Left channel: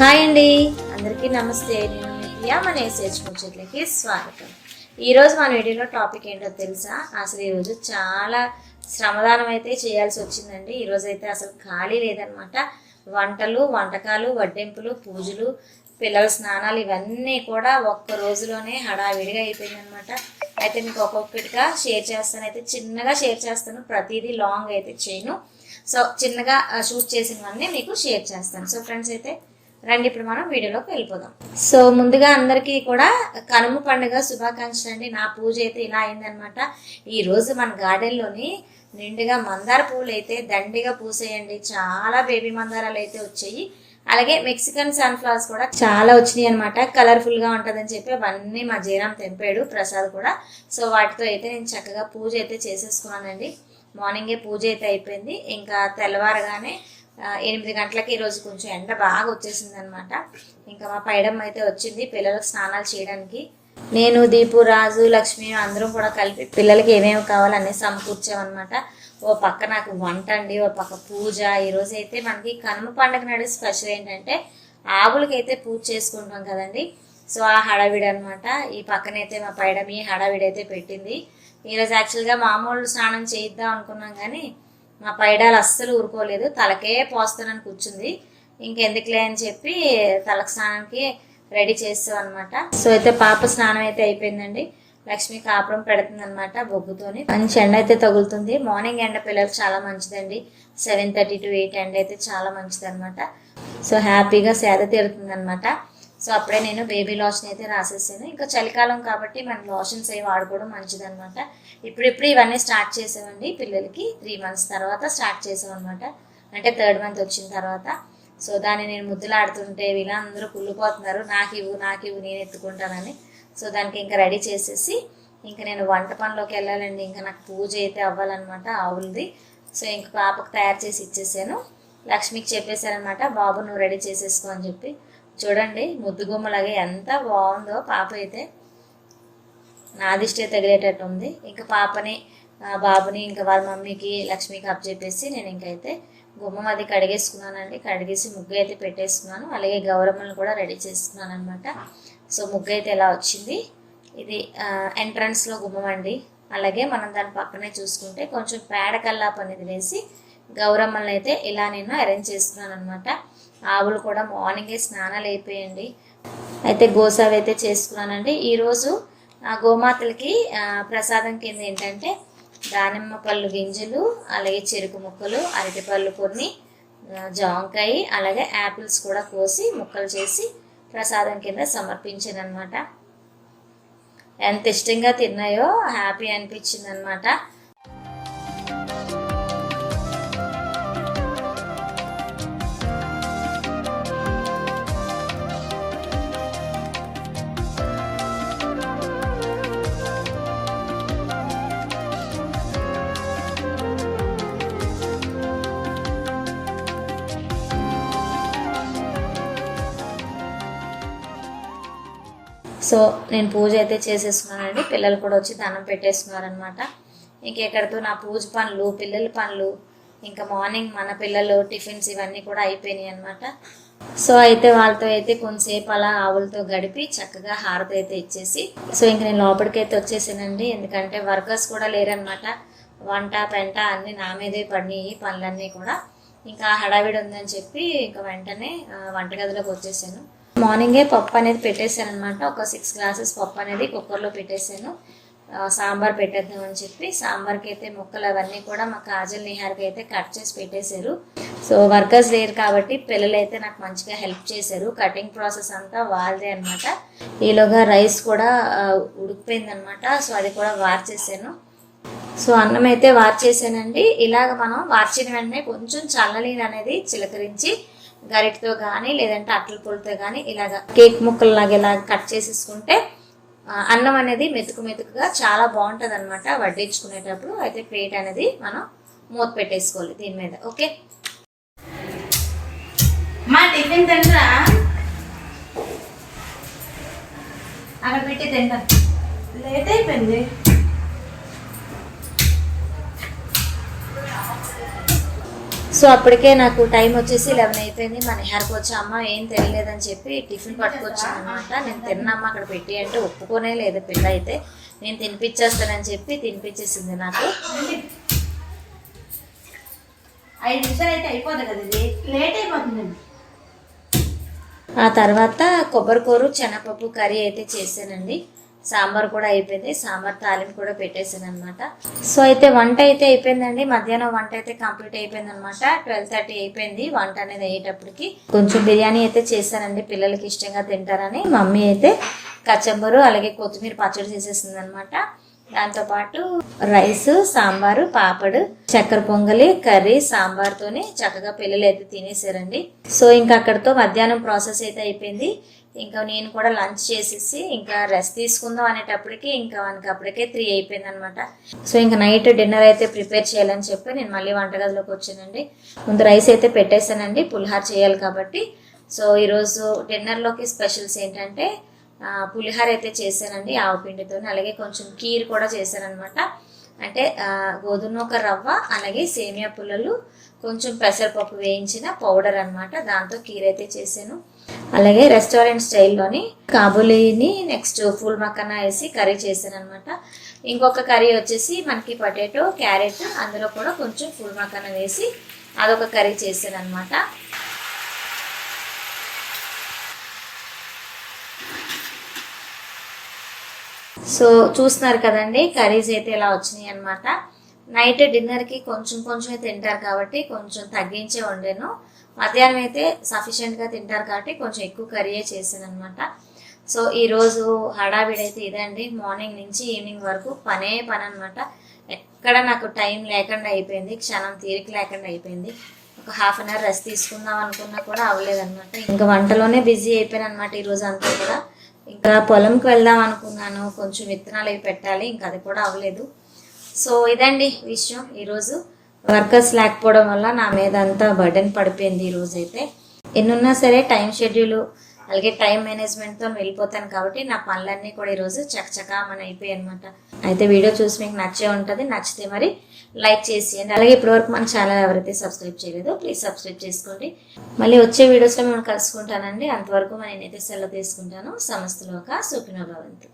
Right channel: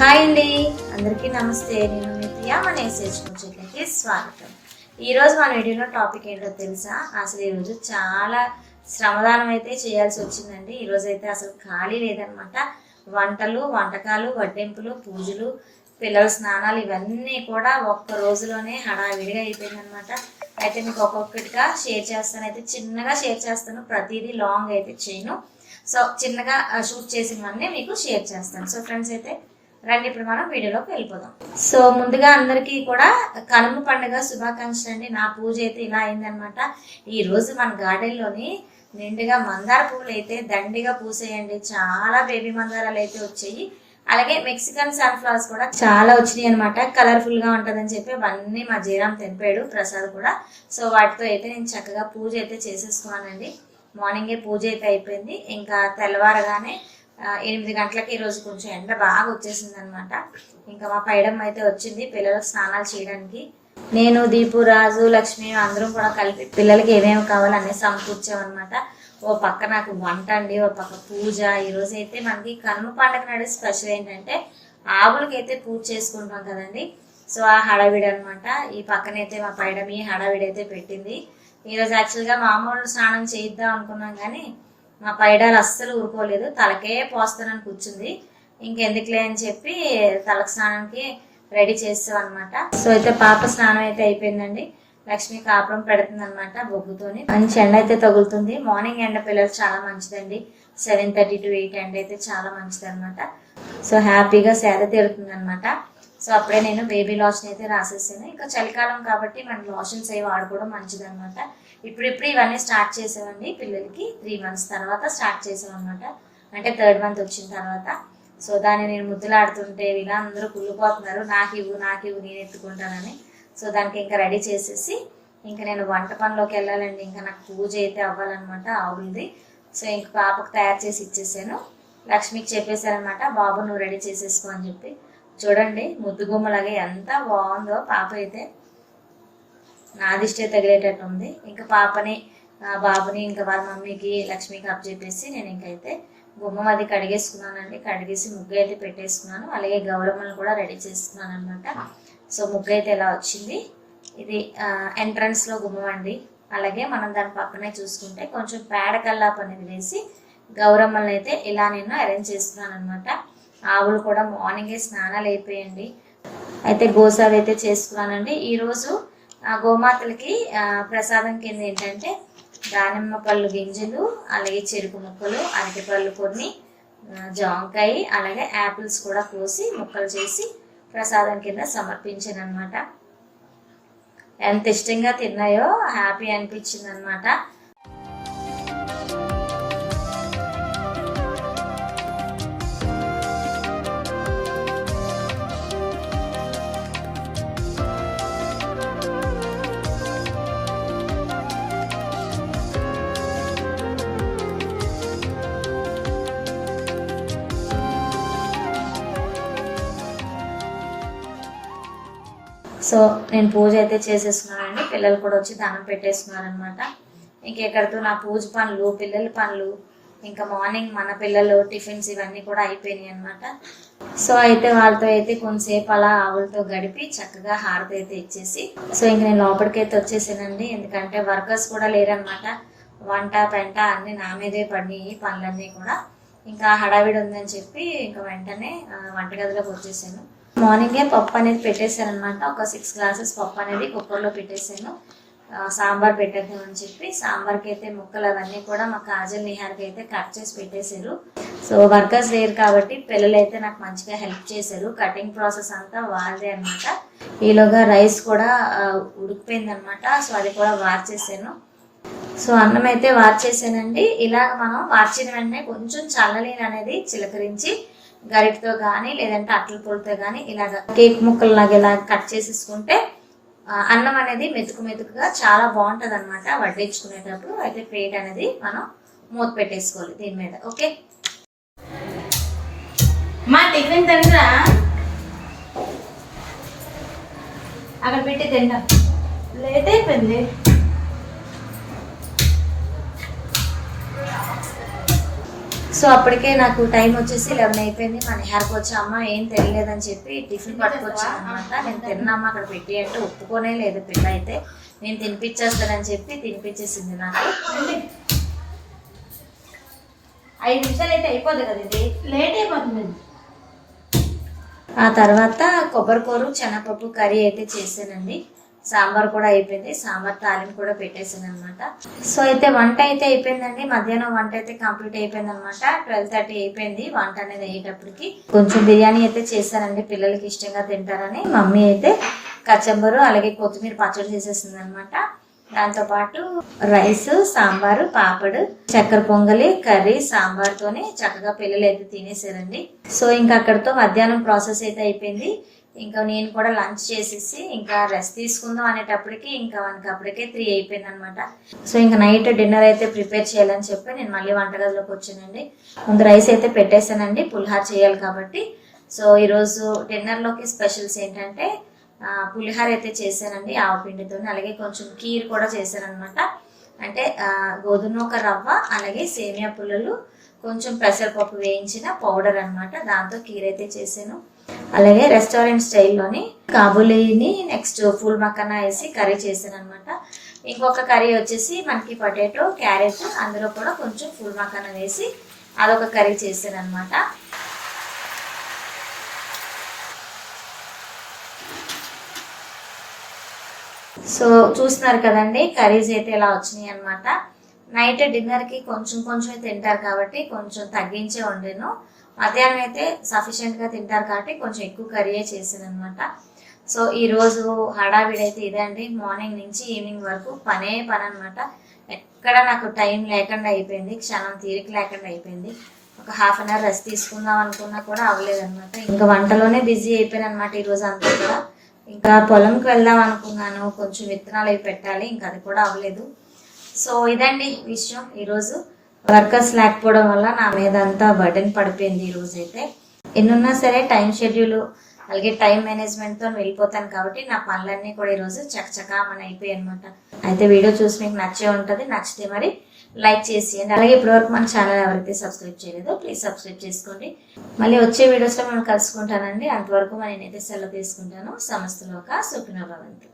Hi అండి. అందరికీ నమస్తే. నేను మీ ప్రియా మన ఎస్హెచ్ ముచ్చట్లకి స్వాగతం. ఈరోజు మన వీడియోలో టాపిక్ ఏంటో తెలుసా? అసలు ఈరోజు చాలా శ్రమదానం అయితే చేయాల్సి వచ్చిందండి. ఈరోజు అయితే అసలు ఖాళీ లేదనమాట వంటలు వంటకాలు వడ్డింపులు పూజలు పిల్లల స్నానాలు ఇవన్నీ కూడా ఒక్క రోజులోనే హడావిడిగా అయిపోయిందనమాట అయితే మీకు ఒక్కొక్కటిగా షేర్ చేస్తాను. అయితే చిన్నగా షేర్ చేస్తాను. ప్రతిదీ లాంగ్ అయితే చేయను. సో చిన్నగా షూట్ చేసినవన్నీ మీకు షేర్ చేస్తాను. సో ఫ్రెండ్స్ అయితే రండి ఇప్పుడు మనం వీడియోలోకి వెళ్ళిపోదాం. సో ముందుగా అందరికీ కూడా కనుమ పండుగ శుభాకాంక్షలు అండి. నా పూజ అయితే ఇలా అయిందనమాట ఈరోజు మన గార్డెన్లోని నిండుగా మందార పూలు అయితే దండిగా పూసేయండి. చాలా బేబీ మందారాలు అయితే వచ్చాయి. అలాగే మెక్సికన్ సన్ఫ్లవర్స్ కూడా చాలా వచ్చినాయి అనమాట కలర్ఫుల్గా ఉంటుందని చెప్పి అవన్నీ మా జీరాం తెంపాడు ప్రసాద్ కూడా. సో వాటితో అయితే నేను చక్కగా పూజ అయితే చేసేసుకున్నానండి. మార్నింగే పూజ అయితే అయిపోయింది. ఇంకా తెల్లవారగానే ఎనిమిది గంటలకి ఈరోజు కొంచెం ఎండ బాగా వచ్చేసింది అనమాట ఇంకా మా పైడమ్మ అయితే వచ్చింది పిల్లలకు స్నానాలు చేయడానికి. నేను దీపు రాజు లక్ష్మి అందరం కూడా కలిపి పిల్లలకి ఏమేమి కావాలనే సమకూర్చామన్నమాట. ఓ పక్క నాకు వంట అండి ఓ పక్క పూజ. ఈరోజు అయితే మనకి కనుమ పండుగ నాడు స్పెషల్ ఏంటంటే ఆవులకైతే పూజ చేసుకుంటాం కదండి. సో ఆ హడావిడి అనమాట ఈ పక్కనైతే మా పైడమి ఈ హడావిడి అయితే పెట్టింది. ఈరోజు యాక్చువల్గా మామూలు స్నానం చేయిద్దాం అనుకున్నాం కానీ మా పైడాలు అస్సలు ఊరుకోలేదు. తలకే పోస్తానని కూర్చుంది. ఇంకెందుకులే అని చెప్పి తలకు స్నానానికి రెడీ చేస్తాం అనమాట సో అయితే పాప స్నానం అయితే అయిపోయిందండి. లక్ష్మి కాపురం పెడుతుంది అనమాట బొగ్గుతోని. మంచి ఎండ అయితే తగులుతుంది. మార్నింగ్ ఎండ పిల్లలు చాలా మంచిదండి. సెవెన్ థర్టీ టు ఎయిట్ ఎండ అయితే చాలా మంచిది అనమాట సో హ్యాపీగా సేద తీరుతుంది అనమాట సో అప్పుడే నేను బేబీ లోషన్ అయితే రాసేసాను. ఇంకా చలికాలం కాబట్టి మనం లోషన్స్ అవి వాడుకోవడం మంచిదనమాట ఇప్పుడిప్పుడు ఇవన్నీ స్టార్ట్ చేసామండి పిల్లలకి. త్రీ మంత్స్ తర్వాత స్టార్ట్ చేసాం అనమాట అంటే థర్డ్ మంత్ వచ్చిన తర్వాత. సో దాన్ని నేను ముద్దులాడుతుంటే వీళ్ళందరూ కుళ్ళిపోతున్నారు. నాకు ఇవ్వు నాకు ఇవ్వు నేను ఎత్తుకుంటానని. సో దానికి ఇంకా రెడీ చేసేసి ఇంకా నేను వంట పనిలోకి వెళ్ళాలండి. ఇంకా నాకు పూజ అయితే అవ్వాలన్నమాట ఆవులది. సో ఇంక పాపకు తయారు చేసి ఇచ్చేసాను. లక్ష్మికి చెప్పేశారనమాట బాబు నువ్వు రెడీ చేసేసుకో అని చెప్పి. చూడండి ముద్దుగుమ్మలాగా ఎంత బాగుందో పాప అయితే. నా దిష్టే తగిలేటట్టు ఉంది. ఇంకా పాపని బాబుని ఇంకా వాళ్ళ మమ్మీకి లక్ష్మికి అప్ చెప్పేసి నేను ఇంకైతే గుమ్మం అది కడిగేసుకున్నానండి. కడిగేసి ముగ్గు అయితే పెట్టేసుకున్నాను. అలాగే గౌరమ్మను కూడా రెడీ చేసుకున్నాను అనమాట సో ముగ్గు అయితే ఎలా వచ్చింది? ఇది ఎంట్రన్స్లో గుమ్మం అండి. అలాగే మనం దాని పక్కనే చూసుకుంటే కొంచెం పేడ కల్లాపు అనేది వేసి గౌరమ్మల్ని అయితే ఇలా నేను అరేంజ్ చేస్తున్నాను అనమాట ఆవులు కూడా మార్నింగే స్నానాలు అయిపోయండి. అయితే గోసావి అయితే చేసుకున్నానండి. ఈరోజు ఆ గోమాతలకి ప్రసాదం కింద ఏంటంటే దానిమ్మ పళ్ళు గింజలు అలాగే చెరుకు ముక్కలు అరటిపళ్ళు కొన్ని జాంకాయ అలాగే యాపిల్స్ కూడా కోసి ముక్కలు చేసి ప్రసాదం కింద సమర్పించాను అనమాట ఎంత ఇష్టంగా తిన్నాయో హ్యాపీ అనిపించింది అనమాట సో నేను పూజ అయితే చేసేసుకున్నానండి పిల్లలు కూడా వచ్చి దండం పెట్టేసుకున్నారనమాట ఇంకెక్కడితో నా పూజ పనులు పిల్లల పనులు ఇంకా మార్నింగ్ మన పిల్లలు టిఫిన్స్ ఇవన్నీ కూడా అయిపోయినాయి అనమాట సో అయితే వాళ్ళతో అయితే కొంతసేపు అలా ఆవులతో గడిపి చక్కగా హారతి అయితే ఇచ్చేసి సో ఇంక నేను లోపలికి అయితే వచ్చేసానండి. ఎందుకంటే వర్కర్స్ కూడా లేరనమాట వంట పెంట అన్ని నా మీదే పడినాయి పనులన్నీ కూడా. ఇంకా హడావిడి ఉందని చెప్పి ఇంకా వెంటనే వంటగదిలోకి వచ్చేసాను. మార్నింగే పప్పు అనేది పెట్టేశాను అనమాట ఒక సిక్స్ గ్లాసెస్ పప్పు అనేది కుక్కర్లో పెట్టేశాను. సాంబార్ పెట్టేద్దాం అని చెప్పి సాంబార్కి అయితే ముక్కలు అవన్నీ కూడా మా కాజల్ నిహార్కి అయితే కట్ చేసి పెట్టేశారు. సో వర్కర్స్ లేరు కాబట్టి పిల్లలు అయితే నాకు మంచిగా హెల్ప్ చేశారు. కటింగ్ ప్రాసెస్ అంతా వాళ్ళదే అనమాట ఈలోగా రైస్ కూడా ఉడికిపోయింది అనమాట సో అది కూడా వార్చేసాను సో అన్నం అయితే వార్చేసానండి ఇలాగ మనం వార్చిన వెంటనే కొంచెం చల్లనీరు అనేది చిలకరించి గరిటతో కానీ లేదంటే అట్ల పొడితో కానీ ఇలాగ కేక్ ముక్కలు లాగా ఇలా కట్ చేసేసుకుంటే అన్నం అనేది మెతుకు మెతుకుగా చాలా బాగుంటుంది అనమాట వడ్డించుకునేటప్పుడు. అయితే ప్లేట్ అనేది మనం మూత పెట్టేసుకోవాలి దీని మీద ఓకే? మా టిఫిన్ తింటా అక్కడ పెట్టి తింటా. లేట్ అయిపోయింది. సో అప్పటికే నాకు టైం వచ్చేసి లెవెన్ అయిపోయింది. మన హెయిర్కి వచ్చి అమ్మ ఏం తెలియలేదని చెప్పి టిఫిన్ పట్టుకొచ్చాను అనమాట నేను తిన్నమ్మ అక్కడ పెట్టి అంటే ఒప్పుకోనే లేదు పిల్ల అయితే నేను తినిపించేస్తానని చెప్పి తినిపించేసింది నాకు. ఐదు నిమిషాలు అయితే అయిపోదు కదా ఇది. లేట్ అయిపోతుంది. ఆ తర్వాత కొబ్బరికూర శనగపప్పు కర్రీ అయితే చేశానండి. సాంబార్ కూడా అయిపోయింది. సాంబార్ తాలింపు కూడా పెట్టేసాను అనమాట సో అయితే వంట అయితే అయిపోయిందండి. మధ్యాహ్నం వంట అయితే కంప్లీట్ అయిపోయింది అనమాట ట్వెల్వ్ థర్టీ అయిపోయింది వంట అనేది అయ్యేటప్పటికి. కొంచెం బిర్యానీ అయితే చేశానండి. పిల్లలకి ఇష్టంగా తింటారని. మమ్మీ అయితే కచ్చంబరు అలాగే కొత్తిమీర పచ్చడి చేసేసింది అనమాట దాంతోపాటు రైస్ సాంబారు పాపడు చక్కెర పొంగలి కర్రీ సాంబార్తోనే చక్కగా పిల్లలు అయితే తినేసారండి. సో ఇంకా అక్కడితో మధ్యాహ్నం ప్రాసెస్ అయితే అయిపోయింది. ఇంకా నేను కూడా లంచ్ చేసేసి ఇంకా రెస్ట్ తీసుకుందాం అనేటప్పటికి ఇంకా మనకి అప్పటికే త్రీ అయిపోయింది అనమాట సో ఇంకా నైట్ డిన్నర్ అయితే ప్రిపేర్ చేయాలని చెప్పి నేను మళ్ళీ వంటగదిలోకి వచ్చానండి. ముందు రైస్ అయితే పెట్టేశానండి పులిహార చేయాలి కాబట్టి. సో ఈరోజు డిన్నర్లోకి స్పెషల్స్ ఏంటంటే పులిహార అయితే చేశానండి ఆవపిండితో అలాగే కొంచెం కీర్ కూడా చేశాను అనమాట అంటే గోధుమ ఒక రవ్వ అలాగే సేమియా పుల్లలు కొంచెం పెసరపప్పు వేయించిన పౌడర్ అనమాట దాంతో కీర్ అయితే చేశాను. అలాగే రెస్టారెంట్ స్టైల్లోని కాబులీని నెక్స్ట్ ఫుల్ మక్కన వేసి కర్రీ చేశాను అనమాట ఇంకొక కర్రీ వచ్చేసి మనకి పొటాటో క్యారెట్ అందులో కూడా కొంచెం ఫుల్ మక్కన వేసి అదొక కర్రీ చేశాను అనమాట సో చూస్తున్నారు కదండి కర్రీస్ అయితే ఇలా వచ్చినాయి అనమాట నైట్ డిన్నర్కి కొంచెం కొంచెమే తింటారు కాబట్టి కొంచెం తగ్గించే వండాను మధ్యాహ్నం అయితే సఫిషియెంట్గా తింటారు కాబట్టి కొంచెం ఎక్కువ కర్రీయే చేసాను అనమాట సో ఈరోజు హడావిడి అయితే ఇదండి మార్నింగ్ నుంచి ఈవినింగ్ వరకు పనే పని అనమాట ఎక్కడ నాకు టైం లేకుండా అయిపోయింది. క్షణం తీరిక లేకుండా అయిపోయింది. ఒక హాఫ్ అన్ అవర్ రెస్ట్ తీసుకుందాం అనుకున్నా కూడా అవ్వలేదన్నమాట. ఇంకా వంటలోనే బిజీ అయిపోయాను అనమాట ఈరోజు అంతా కూడా. ఇంకా పొలంకి వెళ్దాం అనుకున్నాను. కొంచెం విత్తనాలు అవి పెట్టాలి. ఇంకా అది కూడా అవ్వలేదు. సో ఇదండి విషయం. ఈరోజు వర్కర్స్ లేకపోవడం వల్ల నా మీద అంతా బర్డెన్ పడిపోయింది ఈరోజు అయితే ఎన్నున్నా సరే టైం షెడ్యూల్ అలాగే టైం మేనేజ్మెంట్తో వెళ్ళిపోతాను కాబట్టి నా పనులన్నీ కూడా ఈరోజు చకచకా మన అయిపోయాయి అనమాట అయితే వీడియో చూసి మీకు నచ్చే ఉంటుంది నచ్చితే మరి లైక్ చేసేయండి. అలాగే ఇప్పటివరకు మన ఛానల్ ఎవరైతే సబ్స్క్రైబ్ చేయలేదో ప్లీజ్ సబ్స్క్రైబ్ చేసుకోండి. మళ్ళీ వచ్చే వీడియోస్లో మేము కలుసుకుంటానండి. అంతవరకు మరి నేనైతే సెలవు తీసుకుంటాను. సమస్తలోక సుఖిన భవంతు.